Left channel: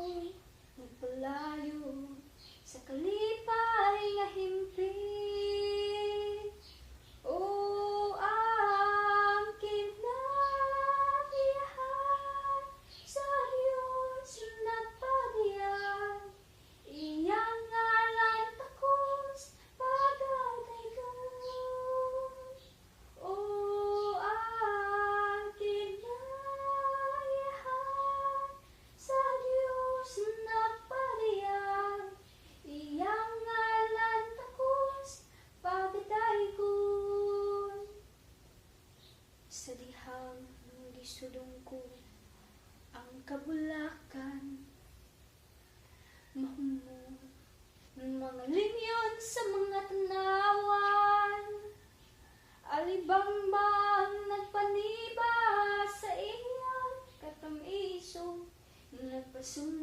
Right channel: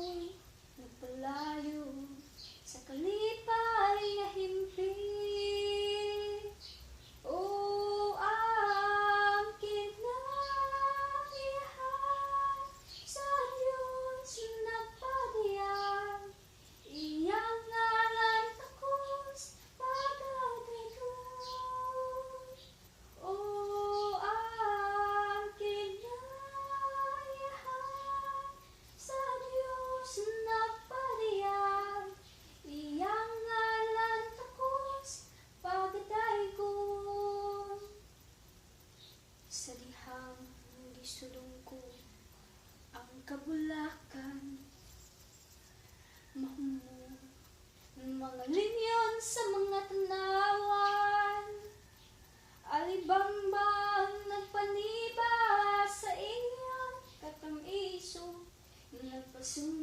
ako'y nagpalayo sa kalipay na himpit. O ang kinabihan sa Diyos nagpadiyan, iyang ngalan takos pagdadaygon. O ang kinabihan sa Diyos nagpadiyan, iyang ngalan takos pagdaygon. Sa dihang gisulong ko ang kabulakan, mahumo mga linyon sa mga tanawan, alibambang nagpaniba sa iyang katamiso, nagpasumpa